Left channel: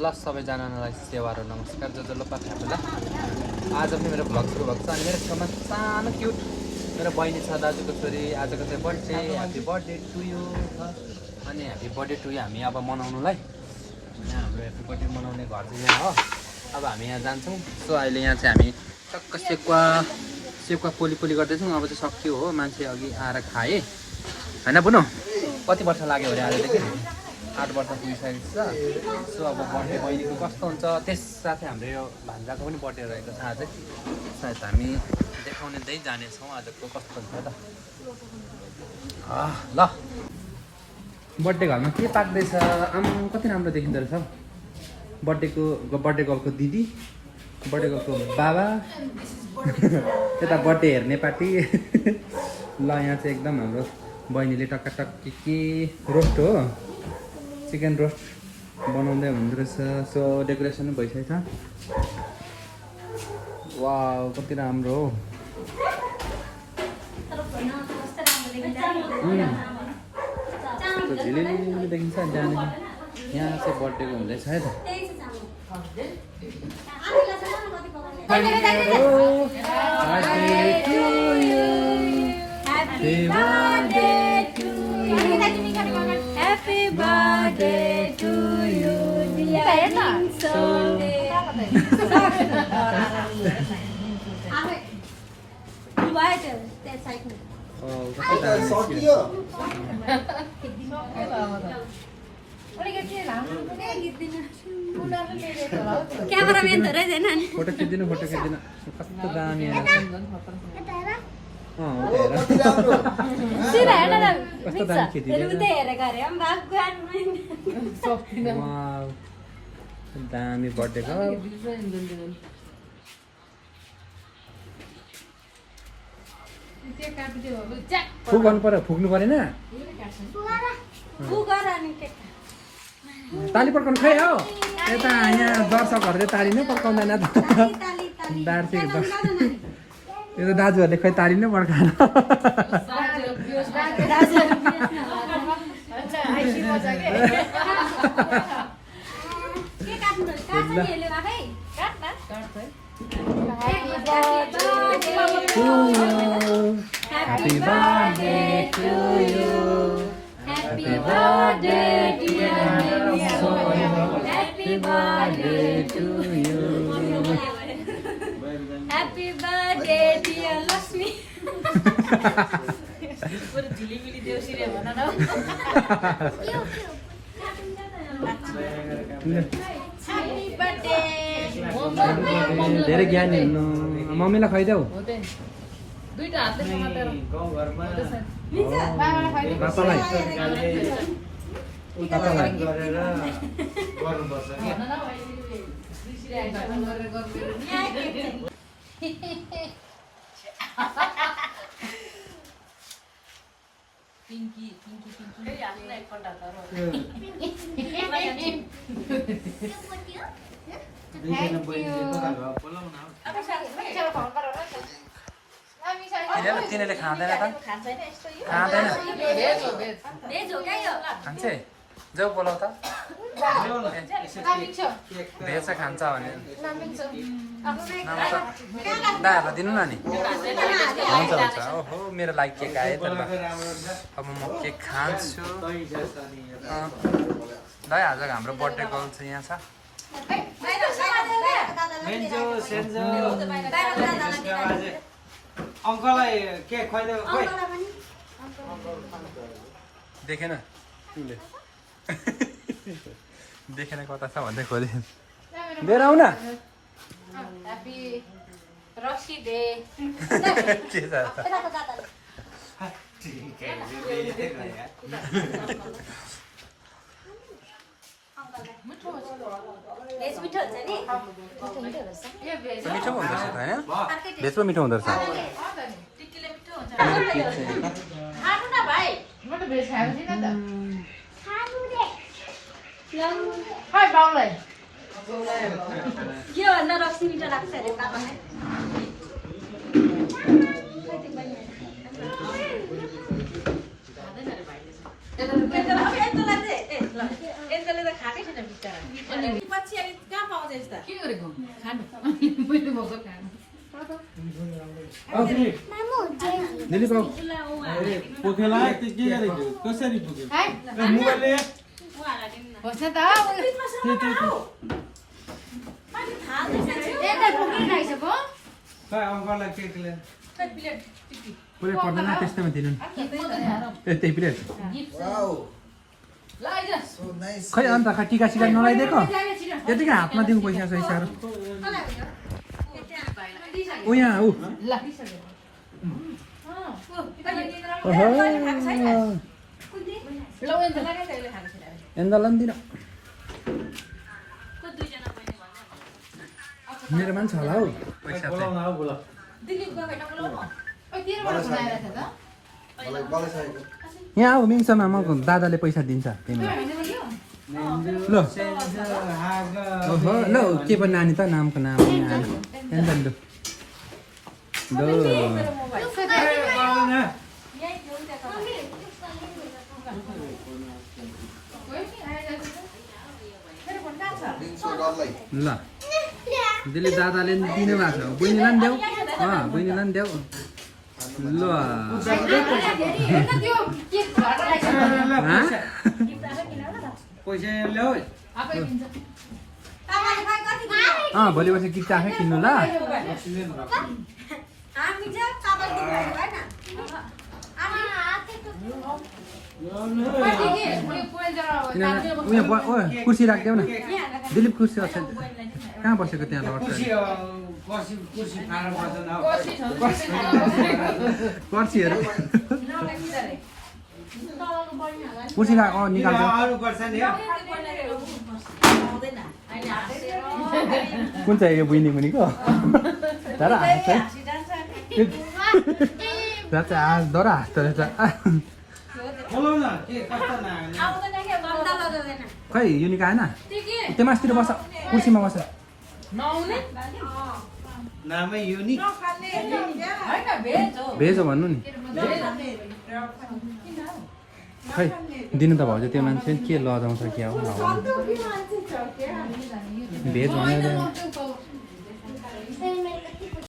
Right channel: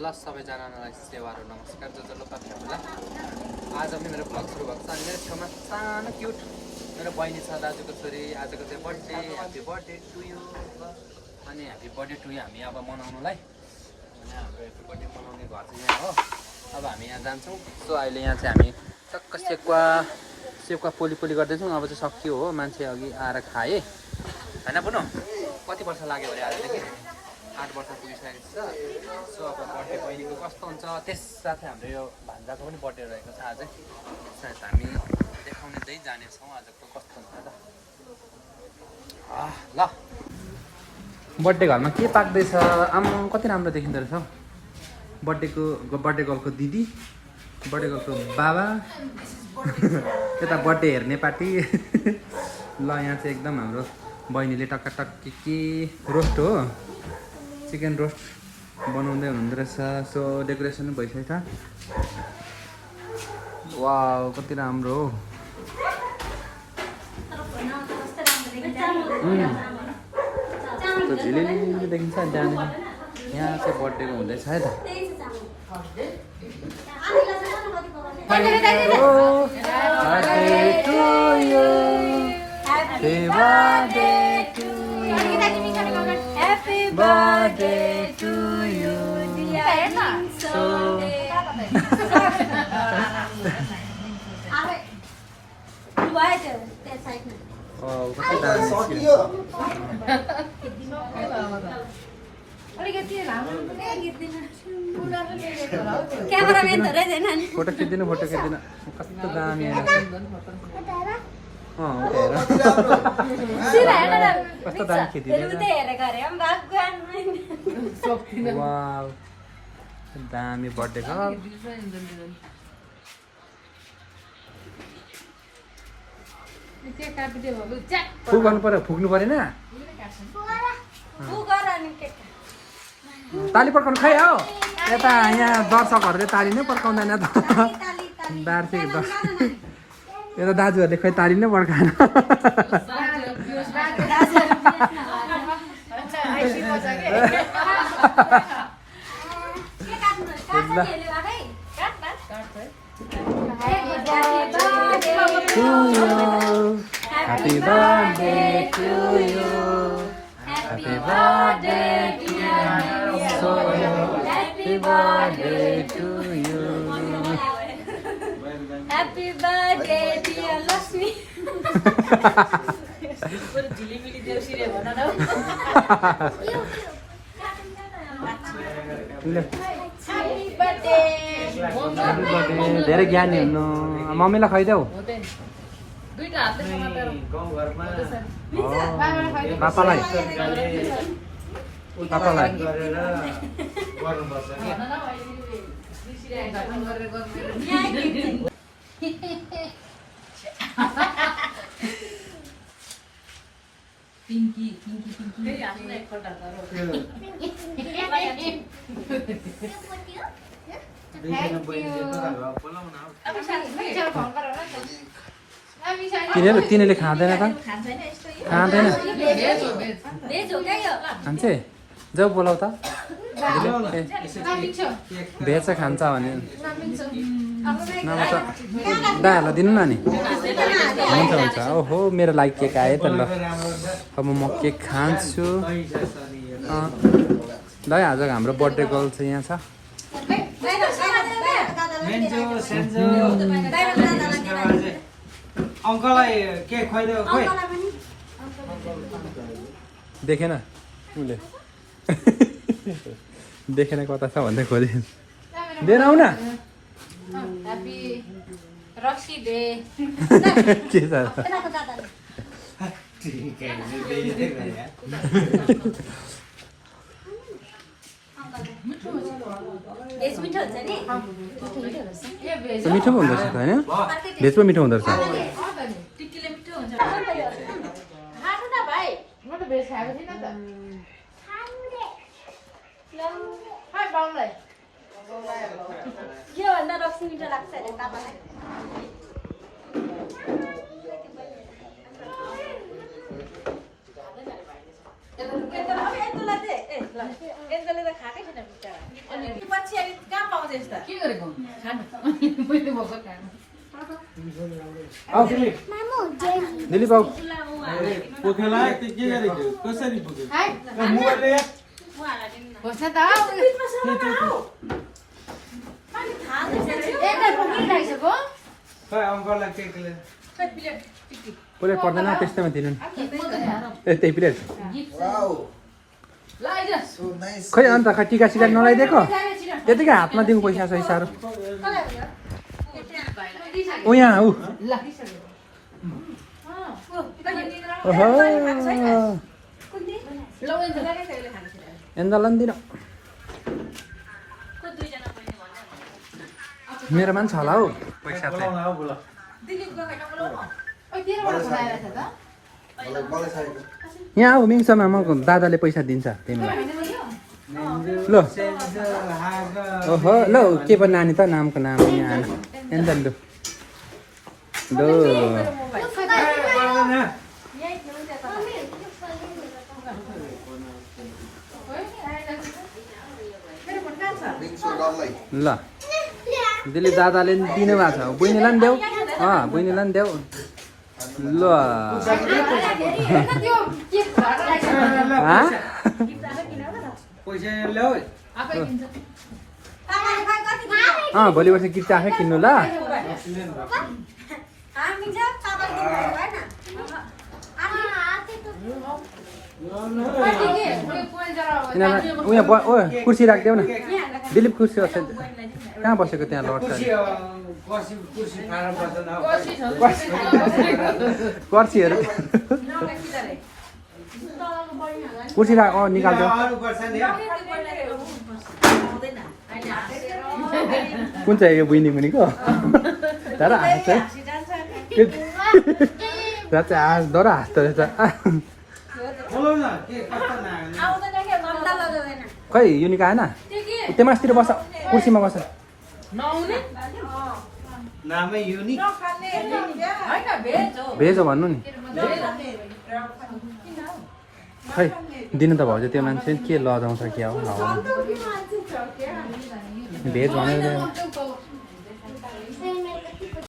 ल सबैजनालाई सेवाहरू नमस्कार जो लोपा फ्यामिली आज पनि मेरो भ्लग सुरु भएको छ अनि मेरो छेउमा सानो क्युट मेरो बहिनी छ दाजुको छोरी आजको चाहिँ birthday happy birthday to you अनि ह्याप्पी बर्थडे टु यु हामी अब मनाउनुलाई यहाँ हाम्रो ह्याप्पी बर्थडे मनाउने घर चाहिँ यहाँ हो अब हामी यहाँ जान्छौँ सो अहिले यहाँ चाहिँ हामी टक्क सेकुवा पोली गर्दैछौँ अब चाहिँ सक्यो हो मान्छे अघि आएर खाएँ होइन बुनो कति वर्ष लाग्यो भने आजदेखि 8 वर्ष पुगिसकेको छ सो अब बर्थडे बहिनीको कस्तो हुन्छ त्यस साथै हाम्रो यो भान्जाको पनि बर्थडे रहेको छ आज सायद हामी देखाउनेदै जानेछौँ आजको कस्तो हुन्छ त ल बर्थडे घरमा के पाक्दैछ आमा कति राम्रो देखिँदो रहेछ हौ बर्थडे गर्लको दिदी बर्थडे गर्लको बाबा यता बर्थडे हेर्ने पार्टी ल यहाँ चाहिँ एकदम हाम्रो बहिनीले टक्क के रोस्ट हो चिकन रोस्ट बनाउँदै हुनुहुँदो रहेछ सो डेकोरेसन पनि भइसकेको छ वाउ कति राम्रो हो झिलिली देखिन्छ जाने यहाँ चाहिँ बर्थडे हुँदैछ है त Happy birthday to you. Cameraman थोरै देना नि फोटो खिच्दिनु कस्तो दामी सिरा हेर्न न कस्तो दामी खिच्दिनु हेर्नु त हेरेको अरे हम भगवान वाउ दामी बर्थडे छ फुक गर्नु पर्यो फुक्नु परेन ताली पड्काउनु खाइ हौ यता यहाँ दर्शकहरूले ताली नै पड्काउँदैन त बार्थे यता दाजुहरूले खै ताली नै पड्काएन Happy birthday to you. Happy birthday dear Happy birthday to you. Happy birthday dear Lakshmi. पुरो झिलिमिली देउसीले भन न Happy birthday. धेरै ज्ञानी हुनु मम्मीलाई खुवाइदेऊ दुईटा हातले समातेर पापालाई पिंकी तिनीहरूले खाँदैन त खाँदैन खान्छे जाऊ बोलाउ त भेज चाहिँ खान्छ भने नभए त दाहरूलाई दिनु न नि हुन्छ ओहो मेरो लागि केक आयो त ल अब म केक खान्छु ल आज हाम्रो बर्थडे गर्ल चाहिँ यहाँ छ देखेन उसले देखेन कता छ भन्दै खोज्यो लिएर आऊ न के छ मिठो पो हुँदो रहेछ त होइन भेज पो मिठो हुँदो रहेछ के भन्न रक्सी मिठो लाग्छ अरे पापालाई यस्तो लाग्छ यस्तोले त खाकै छैन बिचारा पछि अनि कहाँ पाउँछ यस्ता के गरेको खानु मैले भोको खानु आऊ दिलीप दिलीप आऊ त्यो खेला के गरेको कसरी पुग्यो मोबाइल ल्याए बस्न त खै अङ्कललाई के ल्याए प्लेट पर्दैन त्यस्तैमा दिनु त्यही प्लेट खै अन्त खै टिका सिका नलाइदिएको त्यतिकै हातमा दिउँ पैसा सैसाहरू ऊ यहाँ ऊ दिनु मेरोमा पनि छ होला हौ पैसा चाहिँ यहाँ आऊ मिङसम्म म दादाले पैसा दिन्छ तिमीलाई ल ओहो ल के पो नानी त नामको नाम यहाँ आएन ल ल दिली दादाले दिनु भएको छ बहिनीलाई पनि देऊ बहिनीलाई पनि देऊ ल पैसा ल्याऊ भोलि पर्सि गिफ्ट आफै किन्नु ल उयो कुर्सी राखिदेऊ न दिलीप कुर्सी कहाँ बसेको त्यहाँ लड्छ पर्सीहरू कुर्सी राख निकाल्छ कुन चाहिँ यो बहिनी भनेको तर हाँस है दर हाँस्दो रहेछ खै युनिक आएन त्यो मासतिर बस कुर्सीमा बस नामै युनिक भेज हो भन्नु नि खै दिनु त भाउजू त्यो मान्छे के लजाउँछ क्या हो भेज भनेर